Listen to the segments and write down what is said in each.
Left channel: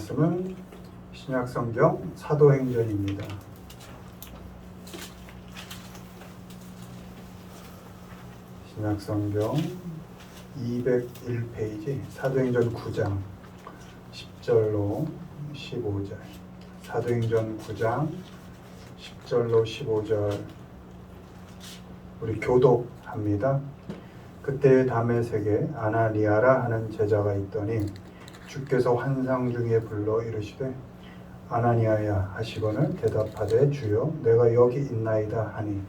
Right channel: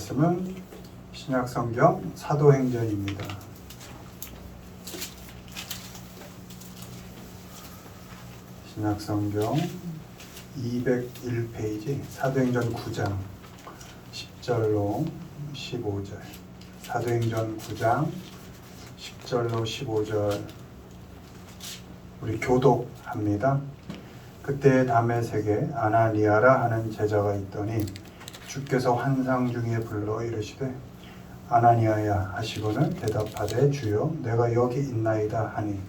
말씀은 신약성경 사도행전입니다. 신약성경 201페이지 사도행전 9장 10절로 15절. 사도행전 9장 10절로 15절. 우리 교독합니다. 그때 다메섹에 아나니아라 하는 제자가 있더니 주께서 환상 중에 불러 이르시되 아나니아야 하시거늘 대답하되 주여 내가 여기 있나이다 하니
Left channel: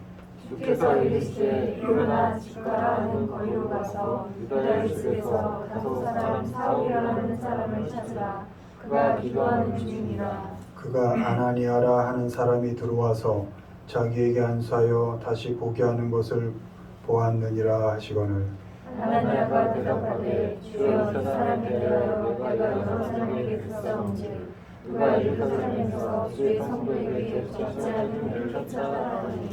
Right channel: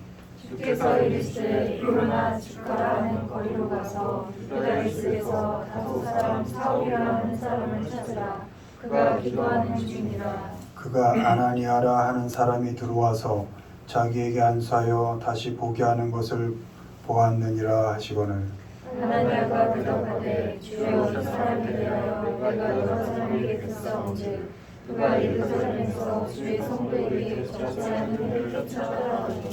주께서 이르시되 일어나 집가라 하는 거리로 가서 유다에 속에서 다섯 사람 사울이라는 사람을 찾으라. 그가 기도하는 중이라. 그가 아나니아라 하는 사람이 들어와서 자기에게 안수하여 다시 보게 하는 것을 보았느니라 하시거늘 아나니아가 대답하되 주여 이 사람에 대하여 내가 여러 사람에게 뱃사온즉 누가 예루살렘에서 주의 성도에게 적지 않은 일을 쫓아라 하니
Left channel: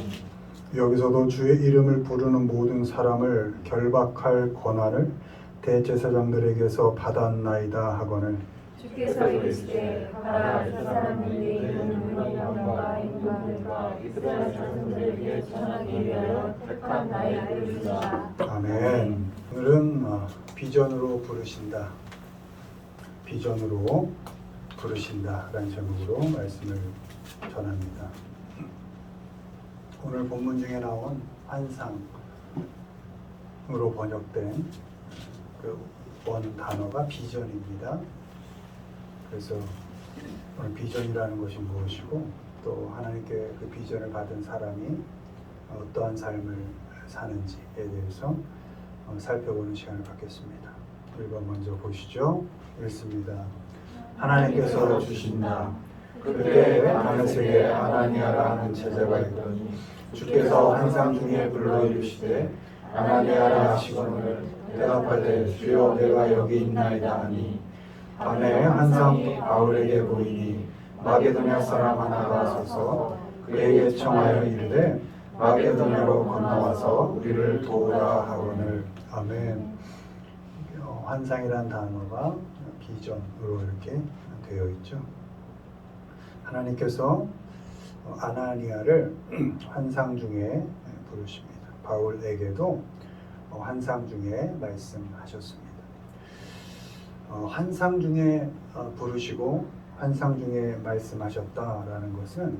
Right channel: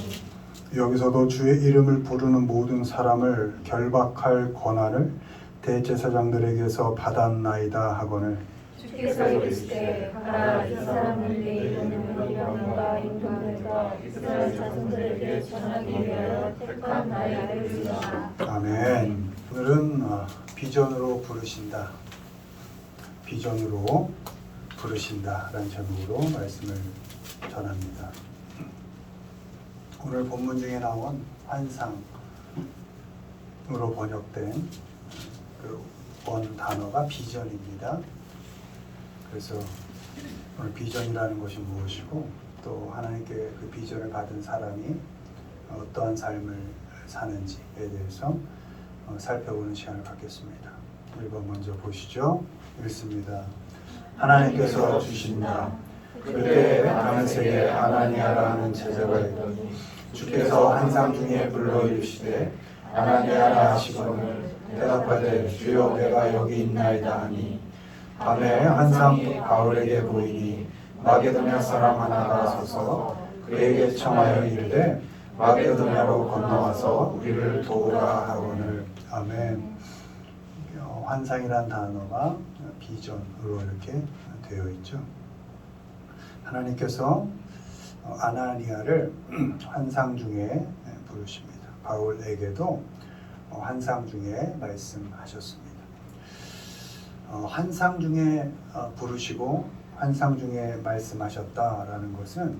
여기서도 주의 이름을 부르는 모든 사람을 결박할 권한을 대제사장들에게서 받았나이다 하거늘 주께서 이르시되 가라 이 사람들이 이름으로 영과 인도하는가 이스라엘 자손들에게 전하기 위하여 택한 나의 글이라. 아멘. 오늘은 비전으로 부르신다. 비전으로 부르신다 라는 제목으로 말씀을 전합니다. 오늘 본문 중에 나온 환상으로 번역된 그 원 단어가 비전입니다. 그래서 오늘 비전이라는 것이 무엇이고 또 하나님께 그 비전을 받은 사람이 어떠한 삶을 사는지에 대해서 살펴보는 시간을 갖겠습니다. 1번 먼저 보시죠. 읽습니다. 하나님께서 주신다. 그때 다메섹에 아나니아라 하는 제자가 있더니 주께서 환상 중에 불러 이르시되 아나니아라 하시거늘 대답하되 주여 내가 여기 있나이다 하니 밤에 환상 바울에게 보이니 마게도냐 사람 하나가 서서 그에게 청하여 이르되 마게도냐로 건너와서 우리를 도우라 하거늘. 아멘. 환상이라는 단어가 비전으로 이렇게 되어 있죠. 하나님께서 아나니아를 환상 중에 부르십니다. 바울에게도 환상 중에 말씀하셨습니다. 환상 중에 부르시고 환상 중에 말씀하셨다라는 것은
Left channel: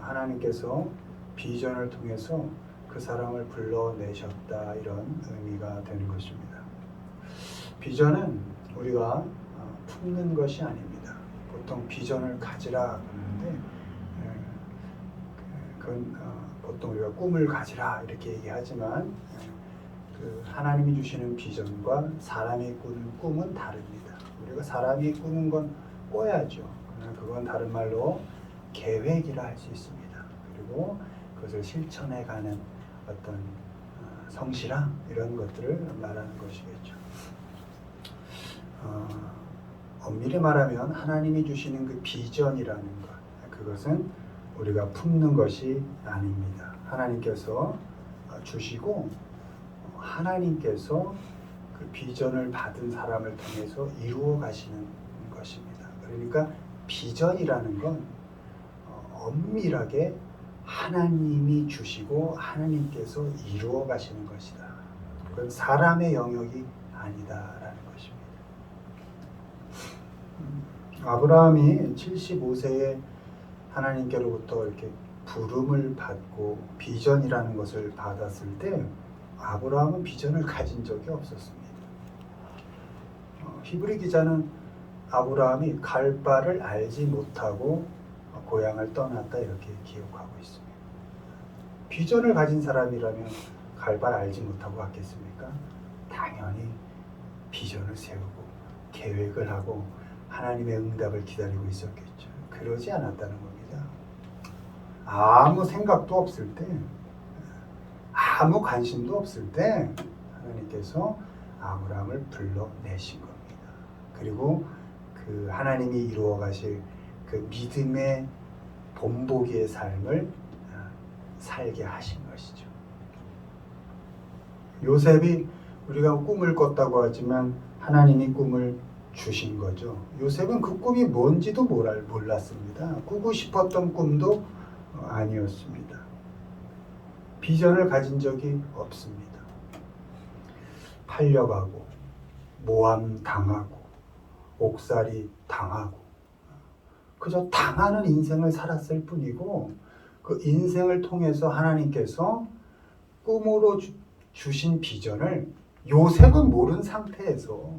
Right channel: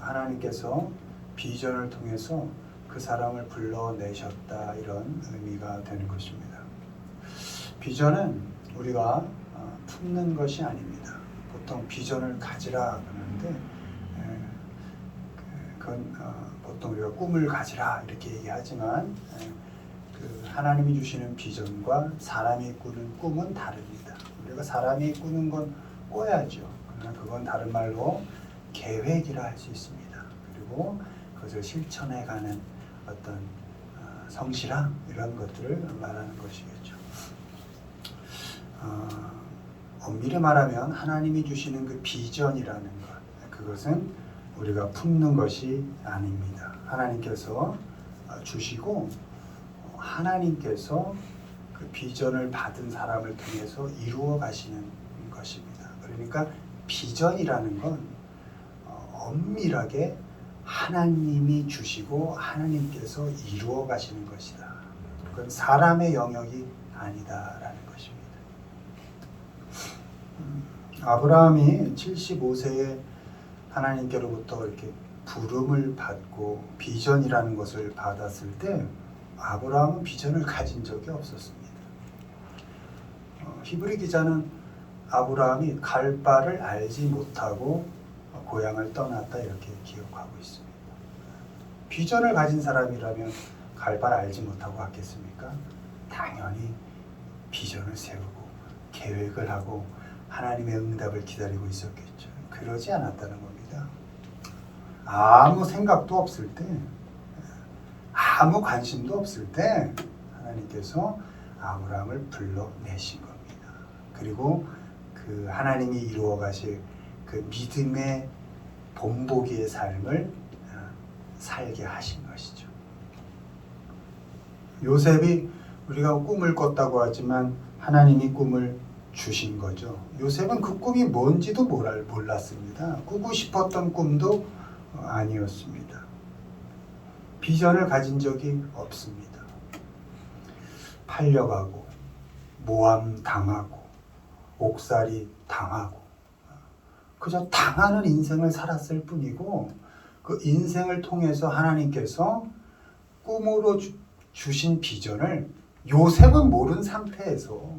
하나님께서 비전을 통해서 그 사람을 불러내셨다 이런 의미가 되는 것입니다. 비전은 우리가 품는 것이 아닙니다. 보통 비전을 가지라 그러는데 그건 보통 우리가 꿈을 가지라 이렇게 얘기하지만 그 하나님이 주시는 비전과 사람이 꾸는 꿈은 다릅니다. 우리가 사람이 꾸는 건 꿔야죠. 그러나 그건 다른 말로 계획이라 할 수 있습니다. 그리고 그것을 실천해가는 어떤 성실함 이런 것들을 말하는 것이겠죠. 엄밀히 말하면 하나님이 주시는 그 비전이라는 것, 그것은 우리가 품는 것이 아닙니다. 하나님께서 주시고 하나님께서 그 비전을 받은 사람을 통해서 이루어 가시는 것입니다. 그러니까 비전이라는 건 엄밀하게 하나님이 주시고 하나님께서 이루어 가시는 것이다. 그건 사람의 영역이 아니다라는 것입니다. 아브라함이 75세에 하나님께로부터 이렇게 부름을 받고 비전이라는 것을 받았을 때 아브라함은 비전을 가진 적이 없었습니다. 히브리 기자는 아브라함이 갈 바를 알지 못하고 고향을 떠났다 이렇게 기록하고 있습니다. 비전을 가진 사람이라면 갈 바를 알지 못하고 갔겠습니까? 당연히 비전을 세우고 계획을 하고 하나님의 응답을 기다리고 있었겠죠. 그러지 않았다는 겁니다. 아무 생각도 없을 때, 아무 관심도 없을 때 하나님께서 아브라함을 불러내신 겁니다. 그리고 그 하나님이 이루어 가실 그 믿음의 본보기의 삶을 살게 하신 것이죠. 요셉이 우리가 꿈을 꿨다고 하지만 하나님이 꿈을 주신 거죠. 요셉은 그 꿈이 뭔지도 몰랐습니다. 꾸고 싶었던 꿈도 아니었습니다. 비전을 가진 적이 없습니다. 팔려가고 모함 당하고 옥살이 당하고 그저 당하는 인생을 살았을 뿐이고 그 인생을 통해서 하나님께서 꿈으로 주신 비전을 요셉은 모른 상태에서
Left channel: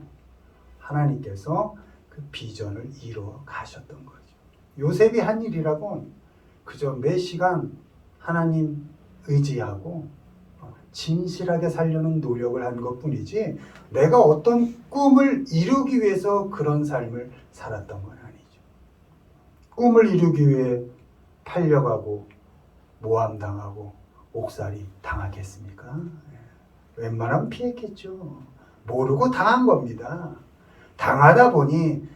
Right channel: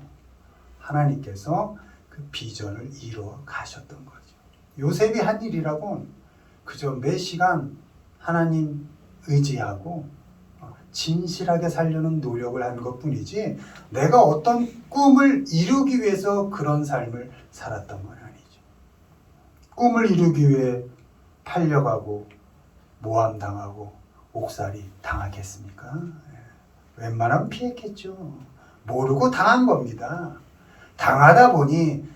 하나님께서 그 비전을 이루어 가셨던 거죠. 요셉이 한 일이라곤 그저 매 시간 하나님 의지하고 진실하게 살려는 노력을 한 것뿐이지 내가 어떤 꿈을 이루기 위해서 그런 삶을 살았던 건 아니죠. 꿈을 이루기 위해 팔려가고 모함당하고 옥살이 당하겠습니까? 웬만하면 피했겠죠. 모르고 당한 겁니다. 당하다 보니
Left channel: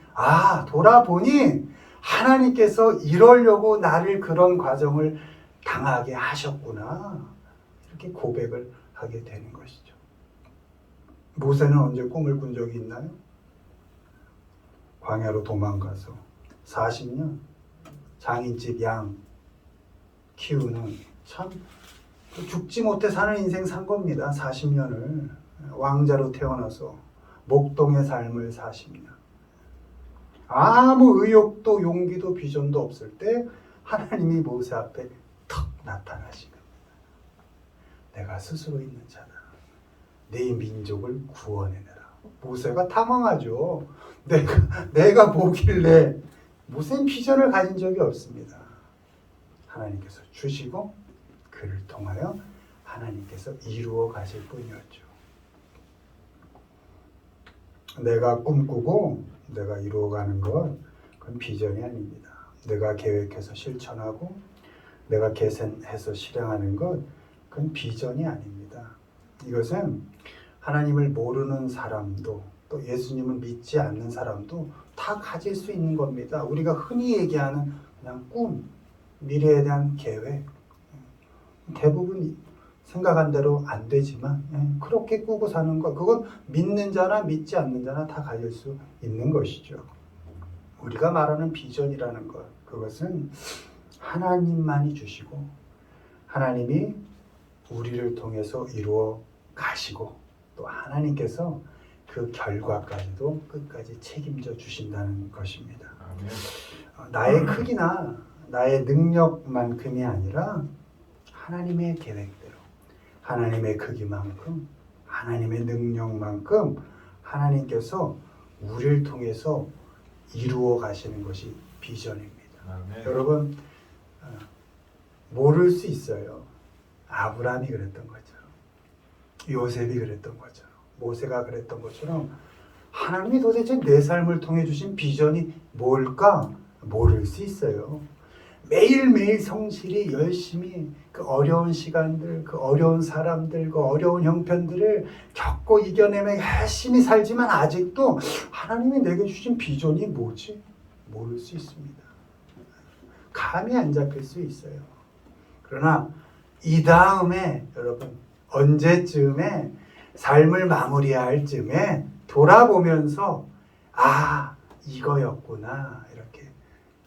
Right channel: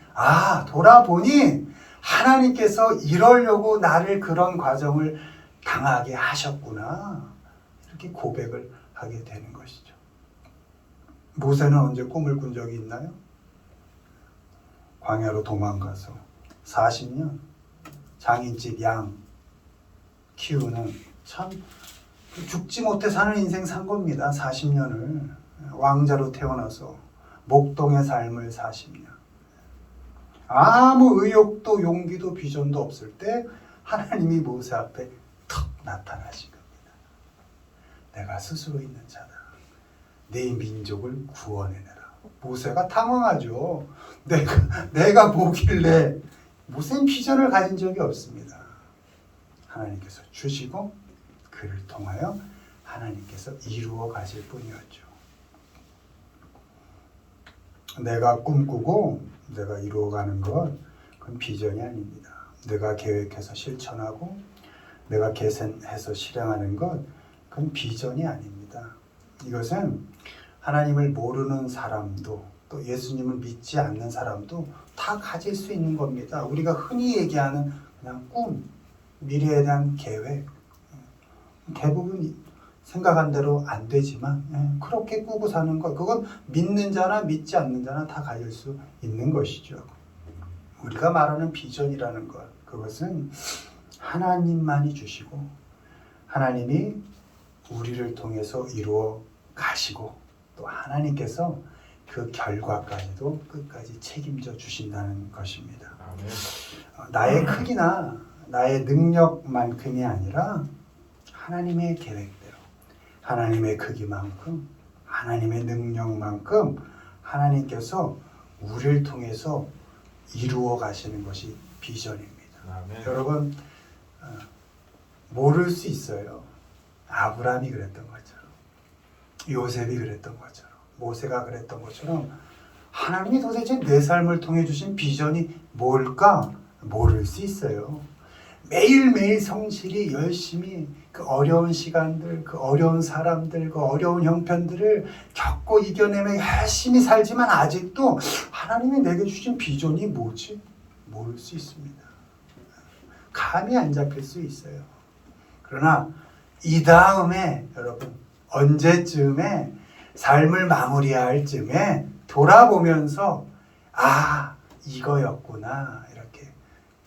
돌아보니 하나님께서 이러려고 나를 그런 과정을 당하게 하셨구나. 이렇게 고백을 하게 되는 것이죠. 모세는 언제 꿈을 꾼 적이 있나요? 광야로 도망가서 40년 장인집 양 키우는 참 죽지 못해 사는 인생 산 겁니다. 40년을 왕자로 태어나서 목동의 삶을 40년 아무 의욕도 용기도 비전도 없을 때 하나님이 모세 앞에 턱 나타나신 겁니다. 내가 스스로 있는 자다. 네 민족을 구원해내라. 모세가 당황하죠. 내가 뭐길래 무슨 비전을 가진 적이 없습니다. 하나님께서 주시고 그를 통하여 하나님께서 이루어 가실 뿐이었죠. 내가 꿈꾸고 내가 이루어가는 것 그건 비전이 아닙니다. 내가 계획해서 실천하고 내가 계산해서 실행하는 것 그건 비전이 아닙니다. 이것은 하나님을 모르는 사람도 또 예수님을 믿지 않는 사람도 다 가질 수 있는 겁니다. 우리가 흔히 얘기하는 그냥 꿈, 미래에 대한 계획 대부분 생각한 대로 안 되지만 그렇게 꾸고 사는 것 그건 믿는 자나 믿지 않는 자나 다 가질 수 있는 것이죠. 우리가 말하는 비전이라는 것 그것은 하나님만이 주시고 하나님이 우리를 통해서 이루어 가시고 또 하나님께서 그 결과까지도 끝까지 책임져 주신다는 것입니다. 나의 크기나 나의 능력만큼이 아니라 하나님의 계획대로 하나님의 크기만큼 하나님의 능력만큼 하나님께서 우리를 통해서 이루어 가시는 것이 비전입니다. 여러분 모를 수 있어요. 아브라함이 그랬던 것처럼 요셉이 그랬던 것처럼 모세가 그랬던 것처럼 하나님이 도대체 내 삶을 통해 주신 비전이 뭘까 모를 수 있어요. 매일매일 성실히 열심히 그 어려운 시간들, 그 어려운 사람들, 그 어려운 형편들을 겪고 이겨내며 열심히 살지만 아직도 하나님이 내게 주신 비전이 뭐지? 모를 수 있습니다. 감이 안 잡힐 수 있어요. 그러나 이 다음에 여러분 언제쯤에 삶을 마무리할 쯤에 돌아보면서 이거였구나 이렇게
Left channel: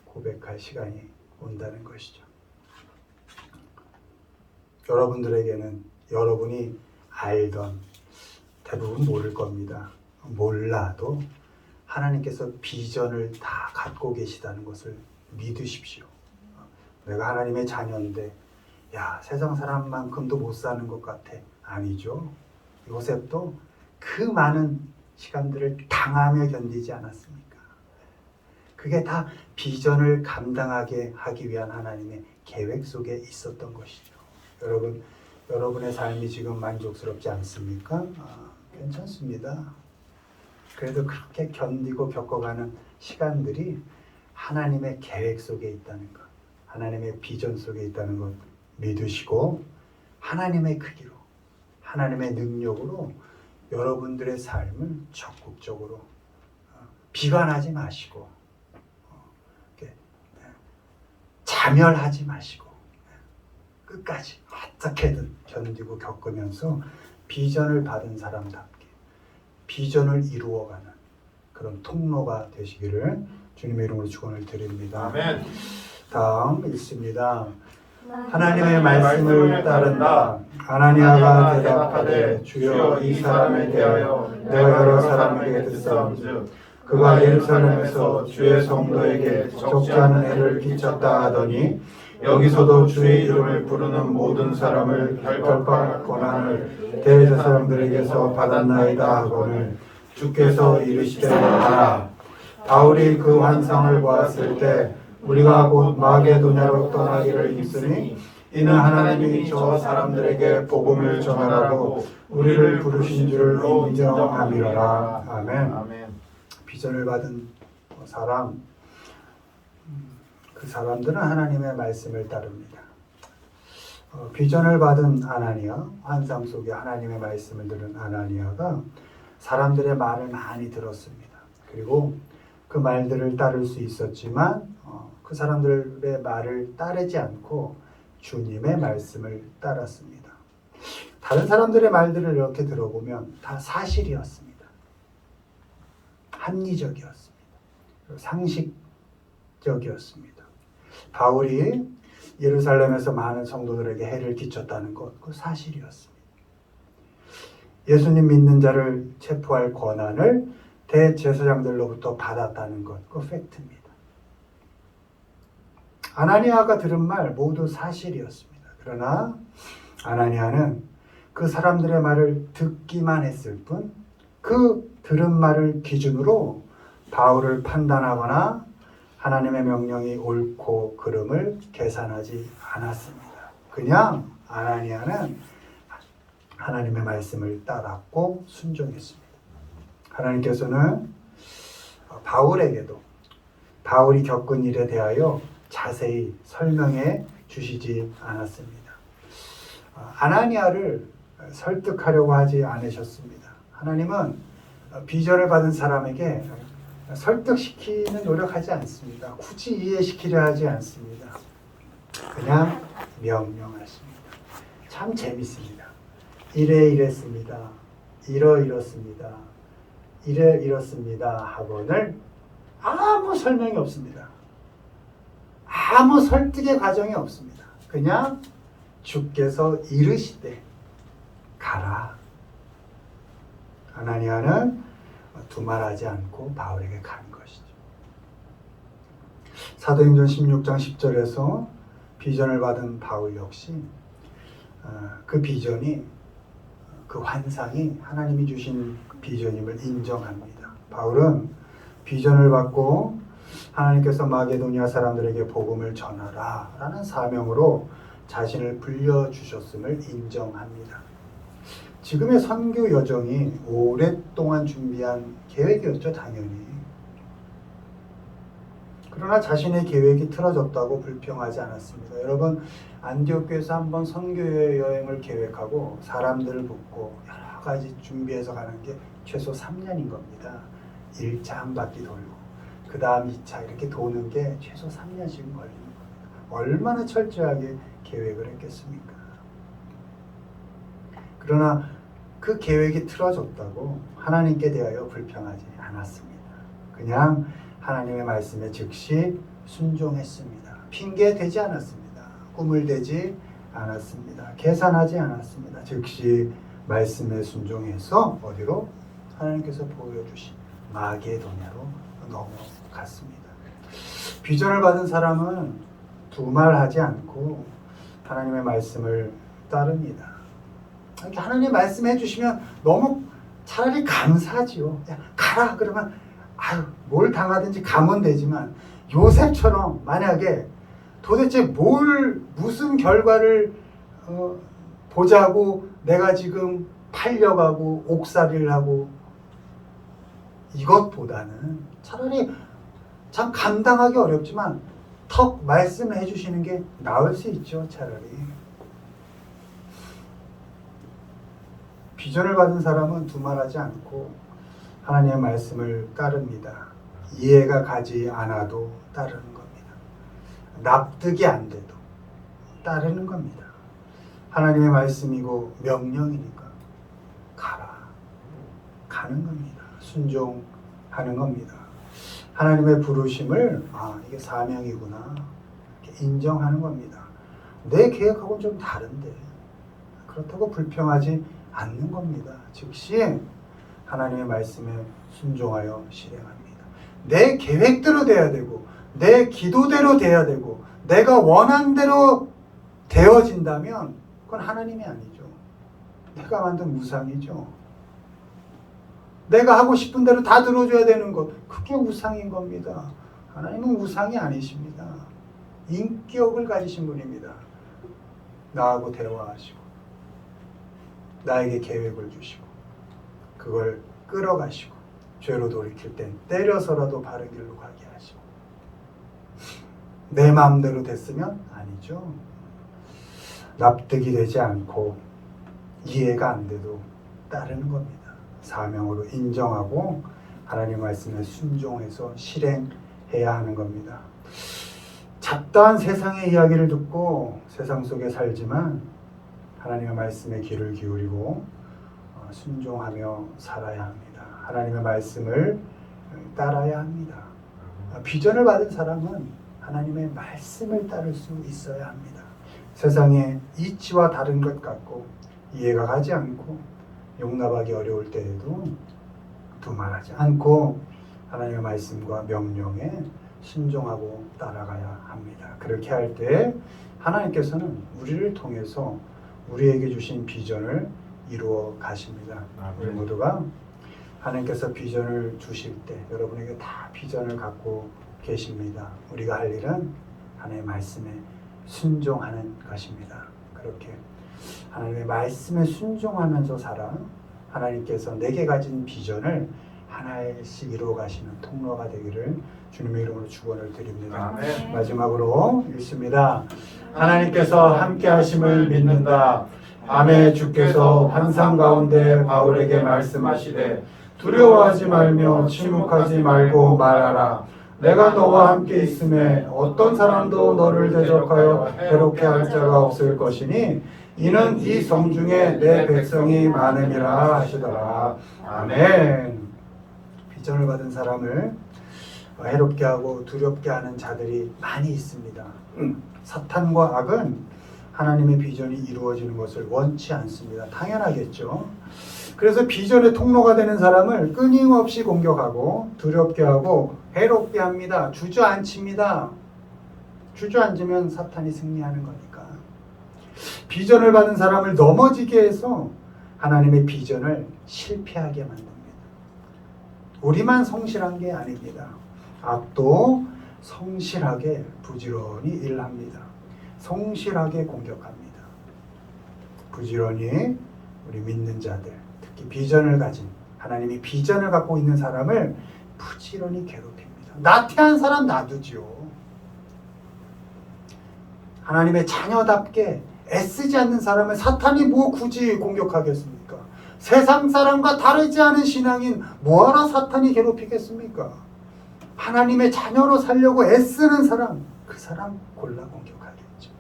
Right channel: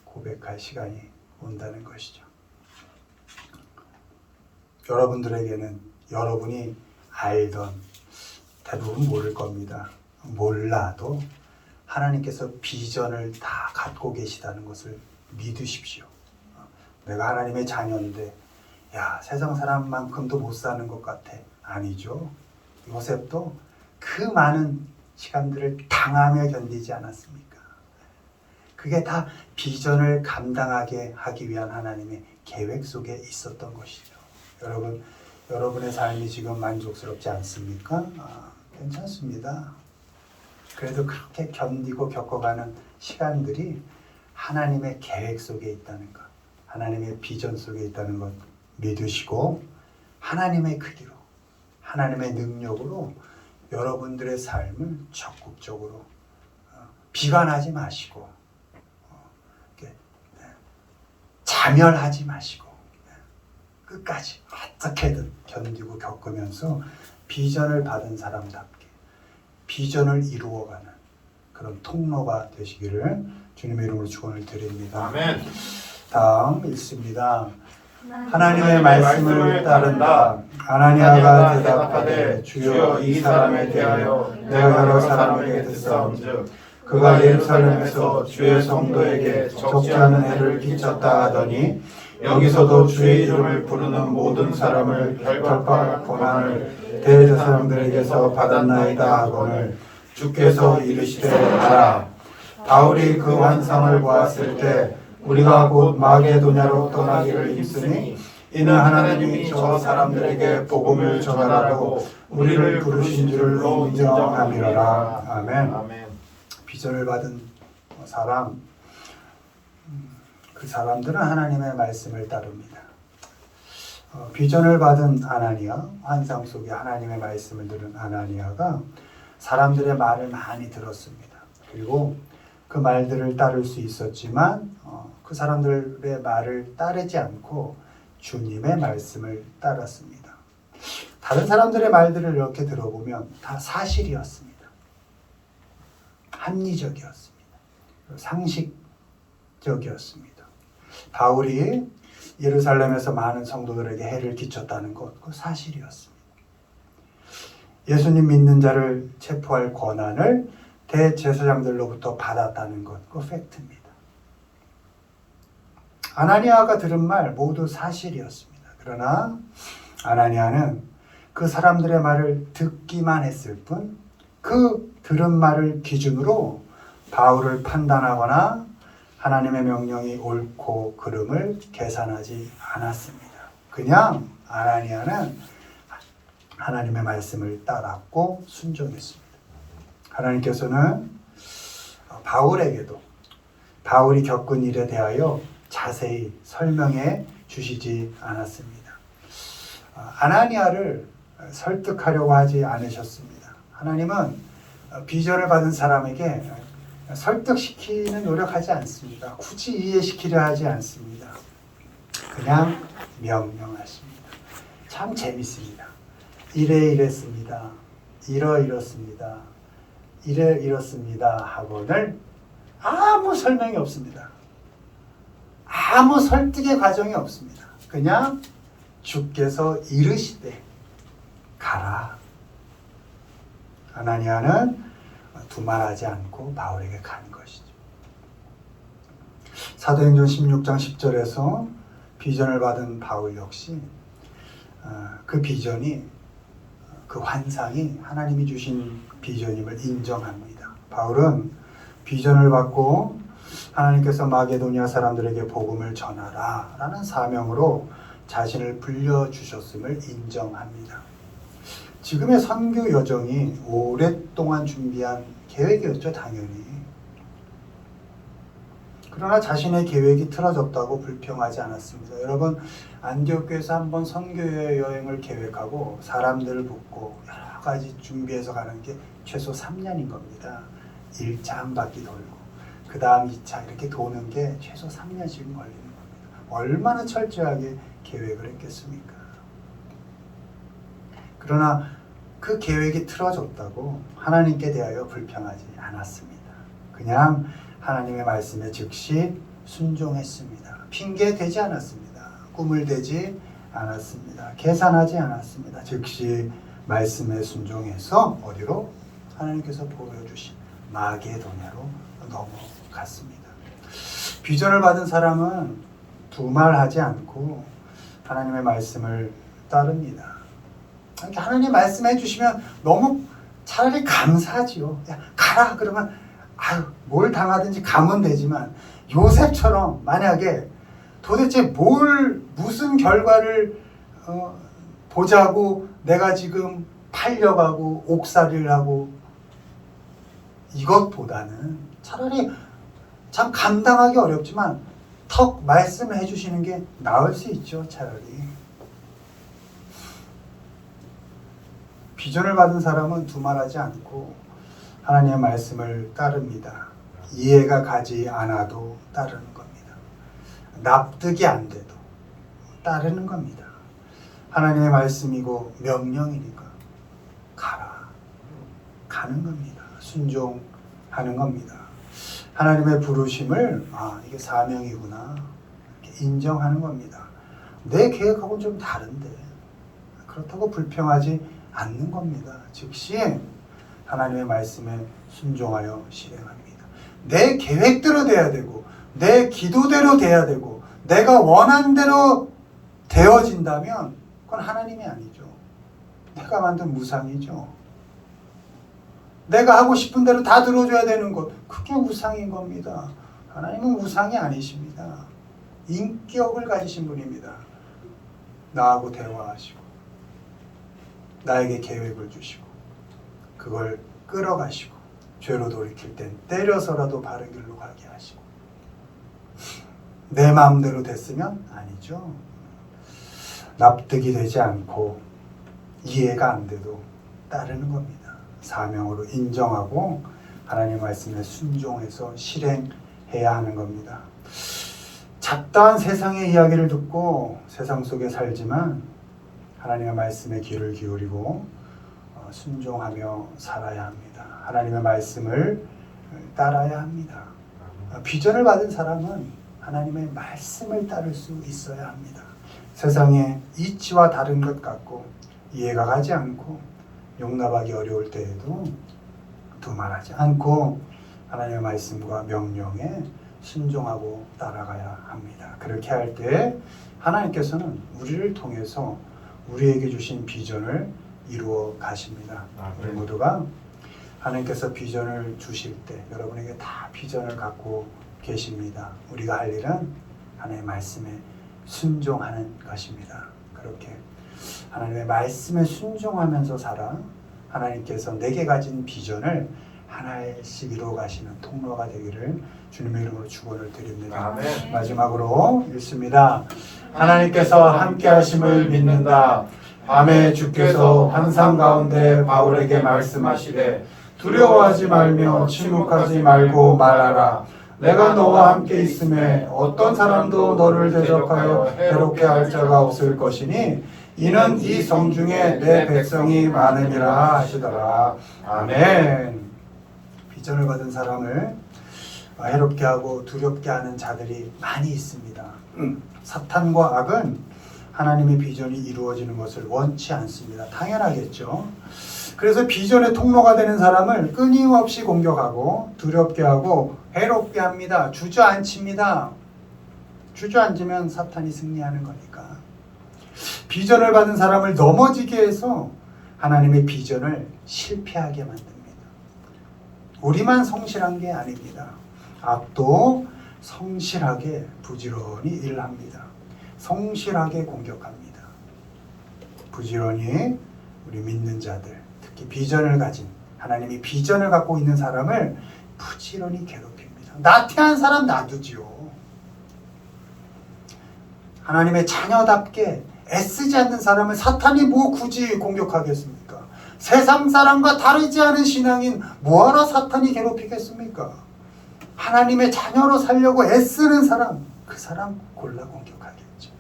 고백할 시간이 온다는 것이죠. 여러분들에게는 여러분이 알던 대부분 모를 겁니다. 몰라도 하나님께서 비전을 다 갖고 계시다는 것을 믿으십시오. 내가 하나님의 자녀인데 세상 사람만큼도 못 사는 것 같아. 아니죠. 요셉도 그 많은 시간들을 당하며 견디지 않았습니까? 그게 다 비전을 감당하게 하기 위한 하나님의 계획 속에 있었던 것이죠. 여러분, 여러분의 삶이 지금 만족스럽지 않습니까? 괜찮습니다. 그래도 그렇게 견디고 겪어가는 시간들이 하나님의 계획 속에 있다는 것, 하나님의 비전 속에 있다는 것 믿으시고 하나님의 크기로, 하나님의 능력으로 여러분들의 삶을 적극적으로 비관하지 마시고 자멸하지 마시고 끝까지 어떻게든 견디고 겪으면서 비전을 받은 사람답게 비전을 이루어가는 그 그런 통로가 되시기를 주님의 이름으로 축원을 드립니다. 아멘. 다음 읽습니다. 하나님의 말씀을 따른다. 아나니아가 대답하되 주여 이 사람에 대하여 내가 여러 사람에게 듣사온즉 그가 예루살렘에서 주의 성도에게 적지 않은 해를 끼쳤다 하더니 여기서도 주의 이름을 부르는 모든 사람을 결박할 고난을 대저 사람들에게서 받았나이다 하거늘 주께서 이르시되 가라. 바울이 그 환상을 보았을 때 우리가 곧 마게도냐로 떠나기를 힘쓰니 이는 하나님이 저 사람들에게 복음을 전하라고 우리를 부르신 줄 인정함이라. 아멘. 아멘. 비전을 받은 사람, 그 사람들은 하나님의 말씀을 따릅니다. 비전을 받은 아나니아, 환상 속에 하나님의 말씀을 들은 아나니아가 사람들의 말을 많이 들었습니다. 그리고 그 말들을 따를 수 있었지만 그 사람들의 말을 따르지 않고 주님의 말씀을 따랐습니다. 다른 사람들의 말들을 이렇게 들어보면 다 사실이었습니다. 합리적이었습니다. 상식적이었습니다. 바울이 예루살렘에서 많은 성도들에게 해를 끼쳤다는 것, 그 사실이었습니다. 예수님 믿는 자를 체포할 권한을 대제사장들로부터 받았다는 것, 그 팩트입니다. 아나니아가 들은 말 모두 사실이었습니다. 그러나 아나니아는 그 사람들의 말을 듣기만 했을 뿐 그 들은 말을 기준으로 바울을 판단하거나 하나님의 명령이 옳고 그름을 계산하지 않았습니다. 그냥 아나니아는 하나님의 말씀을 따랐고 순종했습니다. 하나님께서는 바울에게도 바울이 겪은 일에 대하여 자세히 설명해 주시지 않았습니다. 아나니아를 설득하려고 하지 않으셨습니다. 하나님은 비전을 받은 사람에게 설득시키는 노력하지 않습니다. 굳이 이해시키려 하지 않습니다. 그냥 명령하십니다. 참 재밌습니다. 이랬습니다. 이렇습니다. 이렇습니다. 하고는 아무 설명이 없습니다. 아무 설득의 과정이 없습니다. 그냥 주께서 이르시되 가라. 아나니아는 두말하지 않고 바울에게 간 것이죠. 사도행전 16장 10절에서 비전을 받은 바울 역시 그 비전이, 그 환상이 하나님이 주신 비전임을 인정합니다. 바울은 비전을 받고 하나님께서 마게도니아 사람들에게 복음을 전하라 라는 사명으로 자신을 불려주셨음을 인정합니다. 지금의 선교 여정이 오랫동안 준비한 계획이었죠, 당연히. 그러나 자신의 계획이 틀어졌다고 불평하지 않았습니다. 여러분, 안디옥 교회에서 한번 선교 여행을 계획하고 사람들을 붓고 여러 가지 준비해서 가는 게 최소 3년인 겁니다. 1차 한 바퀴 돌고 그 다음 2차 이렇게 도는 게 최소 3년씩 걸리는 겁니다. 얼마나 철저하게 계획을 했겠습니까? 그러나 그 계획이 틀어졌다고 하나님께 대하여 불평하지 않았습니다. 그냥 하나님의 말씀에 즉시 순종했습니다. 핑계 대지 않았습니다. 꿈을 대지 않았습니다. 계산하지 않았습니다. 즉시 말씀에 순종해서 어디로? 하나님께서 보여주신 마게도냐로 넘어갔습니다. 비전을 받은 사람은 두말하지 않고 하나님의 말씀을 따릅니다. 하나님 말씀해 주시면 너무 차라리 감사하지요. 야, 가라 그러면 아유, 뭘 당하든지 가면 되지만 요셉처럼 만약에 도대체 무슨 결과를 보자고 내가 지금 팔려가고 옥살이를 하고, 이것보다는 차라리 참 감당하기 어렵지만 턱 말씀을 해주시는 게 나을 수 있죠. 차라리. 비전을 받은 사람은 두말하지 않고 하나님의 말씀을 따릅니다. 이해가 가지 않아도 따르는 겁니다. 납득이 안 돼도 따르는 겁니다. 하나님의 말씀이고 명령이니까 가라. 가는 겁니다. 순종하는 하는 겁니다. 하나님의 부르심을 이게 사명이구나 이렇게 인정하는 겁니다. 내 계획하고는 좀 다른데 그렇다고 불평하지 않는 겁니다. 즉시 하나님의 말씀에 순종하여 실행합니다. 내 계획대로 돼야 되고 내 기도대로 돼야 되고 내가 원한 대로 되어진다면 그건 하나님이 아니죠. 내가 만든 우상이죠. 내가 하고 싶은 대로 다 들어줘야 되는 것, 그게 우상인 겁니다. 하나님은 우상이 아니십니다. 인격을 가지신 분입니다. 나하고 대화하시고 나에게 계획을 주시고 그걸 끌어가시고 죄로 돌이킬 땐 때려서라도 바른 길로 가게 하시고 내 마음대로 됐으면 아니죠. 납득이 되지 않고 이해가 안 돼도 따르는 겁니다. 사명으로 인정하고 하나님 말씀에 순종해서 실행해야 하는 겁니다. 잡다한 세상의 이야기를 듣고 세상 속에 살지만 하나님의 말씀에 귀를 기울이고 순종하며 살아야 합니다. 하나님의 말씀을 따라야 합니다. 비전을 받은 사람은 하나님의 말씀을 따를 수 있어야 합니다. 세상의 이치와 다른 것 같고 이해가 가지 않고 용납하기 어려울 때에도 두말하지 않고 하나님의 말씀과 명령에 순종하고 따라가야 합니다. 그렇게 할 때 하나님께서는 우리를 통해서 우리에게 주신 비전을 이루어 가십니다. 우리 모두가 하나님께서 비전을 주실 때 여러분에게 다 비전을 갖고 계십니다. 우리가 할 일은 하나님의 말씀에 순종하는 것입니다. 그렇게 하나님의 말씀에 순종하면서 살아 하나님께서 내게 가진 비전을 하나씩 이루어 가시는 통로가 되기를 주님의 이름으로 축원을 드립니다. 아멘. 마지막으로 읽습니다. 하나님께서 함께 하심을 믿는다. 밤에 주께서 환상 가운데 바울에게 말씀하시되 두려워하지 말며 침묵하지 말고 말하라. 내가 너와 함께 있음에 어떤 사람도 너를 대적하여 해롭게 할 자가 없을 것이니 이는 이 성 중에 내 백성이 많음이라 하시더라. 아멘. 비전을 받은 사람을 해롭게 하고 두렵게 하는 자들이 많이 있습니다. 사탄과 악은 하나님의 비전이 이루어지는 것을 원치 않습니다. 당연하겠죠. 그래서 비전의 통로가 되는 사람을 끊임없이 공격하고 두렵게 하고 해롭게 합니다. 주저앉힙니다. 주저앉으면 사탄이 승리하는 거니까. 비전을 받은 사람을 넘어지게 해서 하나님의 비전을 실패하게 만듭니다. 우리만 성실한 게 아닙니다. 악도 성실하게 부지런히 일합니다. 성실하게 공격합니다. 부지런히 우리 믿는 자들, 특히 비전을 가진 하나님이 비전을 갖고 있는 사람을 부지런히 괴롭힙니다. 나태한 사람 놔두지요. 하나님의 자녀답게 애쓰지 않는 사람을 사탄이 뭐 굳이 공격하겠습니까? 세상 사람과 다르지 않은 신앙인 뭐하러 사탄이 괴롭히겠습니까? 하나님의 자녀로 살려고 애쓰는 사람, 그 사람 골라 공격하겠죠.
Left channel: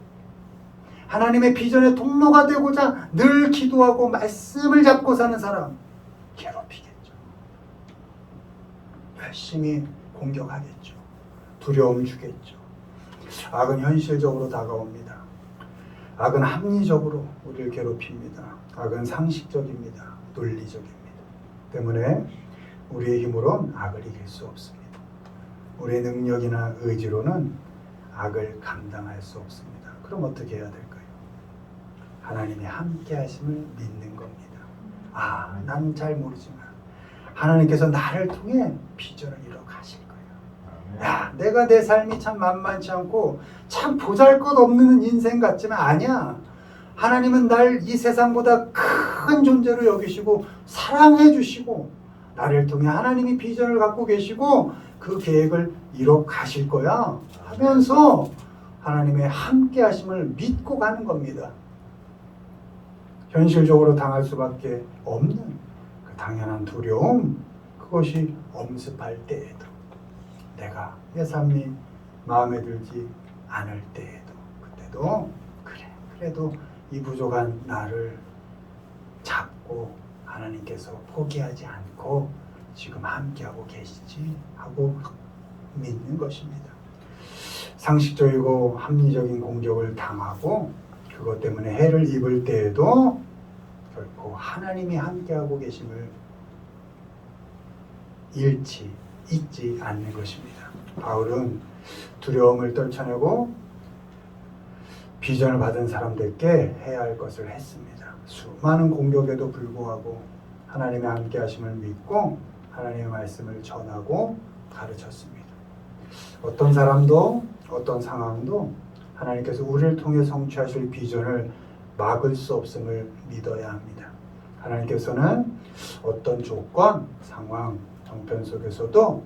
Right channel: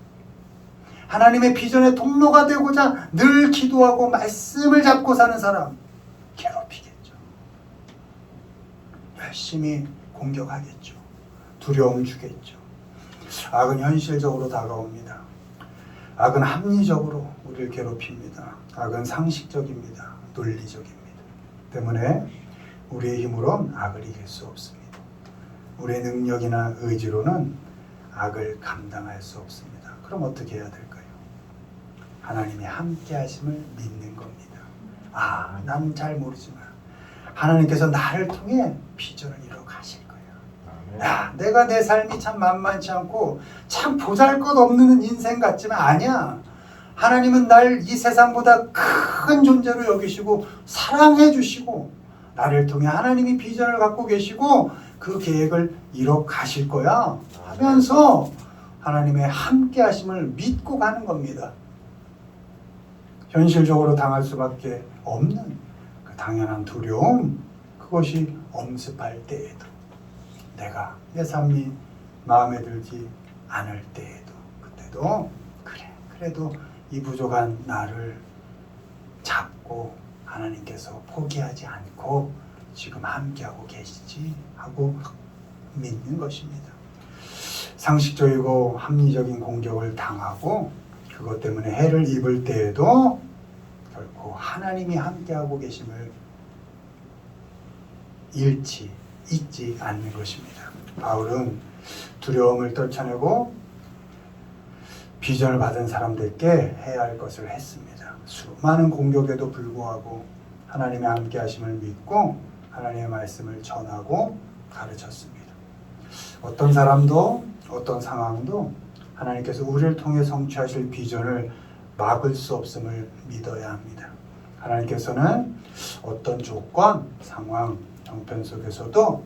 하나님의 비전의 통로가 되고자 늘 기도하고 말씀을 잡고 사는 사람 괴롭히겠죠. 열심히 공격하겠죠. 두려움 주겠죠. 악은 현실적으로 다가옵니다. 악은 합리적으로 우리를 괴롭힙니다. 악은 상식적입니다. 논리적입니다. 때문에 우리의 힘으로는 악을 이길 수 없습니다. 우리의 능력이나 의지로는 악을 감당할 수 없습니다. 그럼 어떻게 해야 될까요? 하나님의 함께 하심을 믿는 겁니다. 나는 잘 모르지만 하나님께서 나를 통해 비전을 이뤄 가실 거예요. 내가 내 삶이 참 만만치 않고 참 보잘것없는 인생 같지만 아니야. 하나님은 날 이 세상보다 큰 존재로 여기시고 사랑해 주시고 나를 통해 하나님이 비전을 갖고 계시고 그 계획을 이뤄 가실 거야 하면서 하나님의 함께 하심을 믿고 가는 겁니다. 현실적으로 당할 수밖에 없는 그 당연한 두려움, 그것이 엄습할 때에도 내가 내 삶이 마음에 들지 않을 때에도 그때도 그래도 이 부족한 나를 잡고 하나님께서 포기하지 않고 지금 함께하고 계시지 하고 믿는 것입니다. 상식적이고 합리적인 공격을 당하고 그것 때문에 해를 입을 때에도 결코 하나님이 함께하고 계심을 잊지 않는 것입니다. 바울은 두려움을 떨쳐내고 비전을 받은 사람들께 해야 할 것을 했습니다. 수많은 공격에도 불구하고 하나님의 함께 하심을 믿고 하나님의 말씀을 전하고 가르쳤습니다. 어떤 사람도 어떤 상황도 하나님께서 우리를 통해 성취하실 비전을 막을 수 없음을 믿어야 합니다. 하나님께서는 어떤 조건, 상황, 형편 속에서도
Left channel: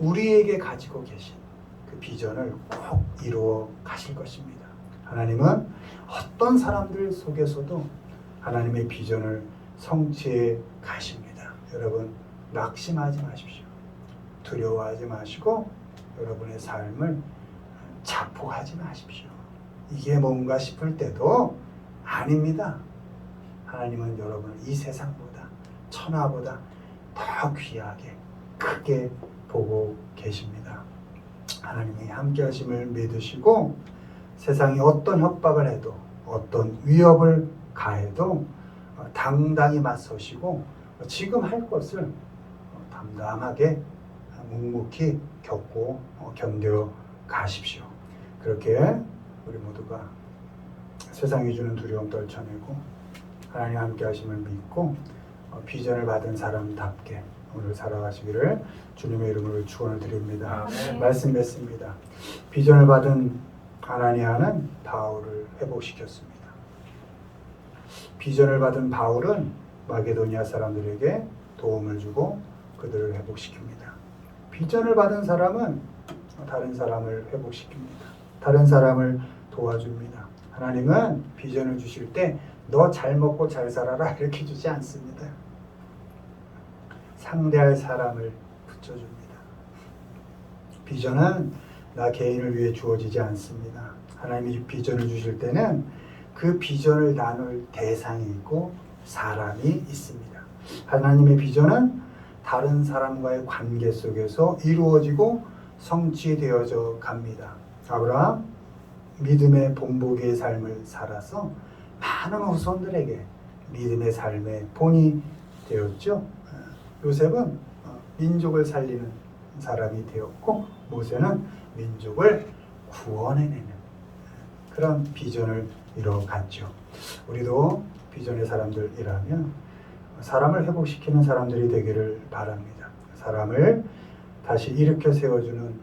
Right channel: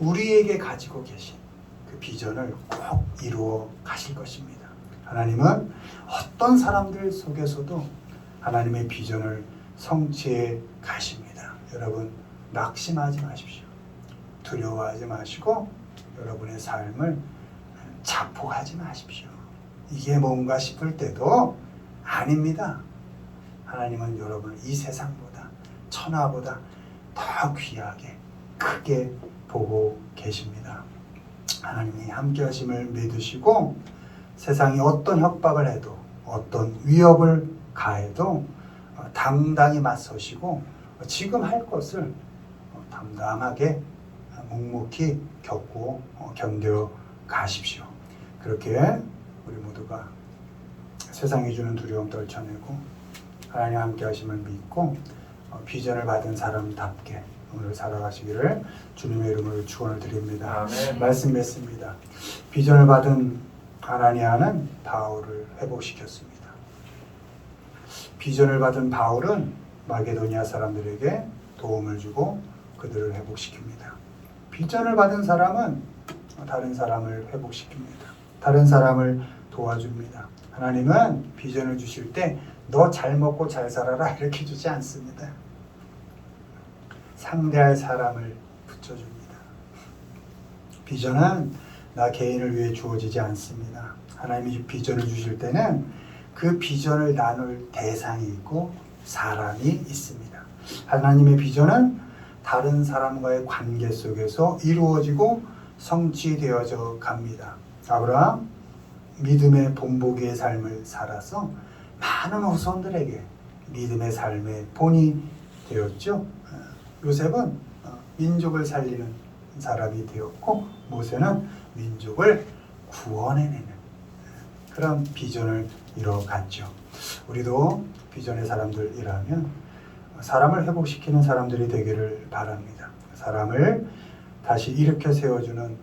우리에게 가지고 계신 그 비전을 꼭 이루어 가실 것입니다. 하나님은 어떤 사람들 속에서도 하나님의 비전을 성취해 가십니다. 여러분 낙심하지 마십시오. 두려워하지 마시고 여러분의 삶을 자폭하지 마십시오. 이게 뭔가 싶을 때도 아닙니다. 하나님은 여러분을 이 세상보다 천하보다 더 귀하게 크게 보고 계십니다. 하나님이 함께 하심을 믿으시고 세상이 어떤 협박을 해도 어떤 위협을 가해도 당당히 맞서시고 지금 할 것을 담담하게 묵묵히 겪고 견뎌 가십시오. 그렇게 우리 모두가 세상이 주는 두려움 떨쳐내고 하나님 함께 하심을 믿고 비전을 받은 사람답게 오늘 살아가시기를 주님의 이름으로 축원을 드립니다. 아멘. 말씀 맺습니다. 비전을 받은 아나니아는 바울을 회복시켰습니다. 비전을 받은 바울은 마게도니아 사람들에게 도움을 주고 그들을 회복시킵니다. 비전을 받은 사람은 다른 사람을 회복시킵니다. 다른 사람을 도와줍니다. 하나님은 비전을 주실 때 너 잘 먹고 잘 살아라 이렇게 주지 않습니다. 상대할 사람을 붙여줍니다. 비전은 나 개인을 위해 주어지지 않습니다. 하나님이 비전을 주실 때는 그 비전을 나눌 대상이 있고 사람이 있습니다. 하나님의 비전은 다른 사람과의 관계 속에서 이루어지고 성취되어져 갑니다. 아브라함 믿음의 본보기의 삶을 살아서 많은 후손들에게 믿음의 삶의 본이 되었죠. 요셉은 민족을 살리는 사람이 되었고 모세는 민족을 구원해내는 그런 비전을 이뤄갔죠. 우리도 비전의 사람들이라면 사람을 회복시키는 사람들이 되기를 바랍니다. 사람을 다시 일으켜 세워주는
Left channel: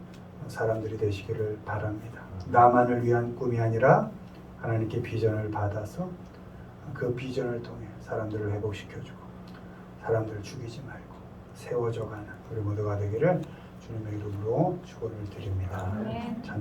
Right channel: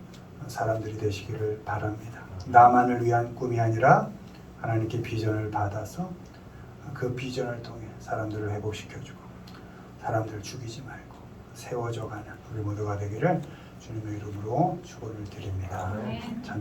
사람들이 되시기를 바랍니다. 나만을 위한 꿈이 아니라 하나님께 비전을 받아서 그 비전을 통해 사람들을 회복시켜주고 사람들을 죽이지 말고 세워져가는 우리 모두가 되기를 주님의 이름으로 축원을 드립니다. 아멘.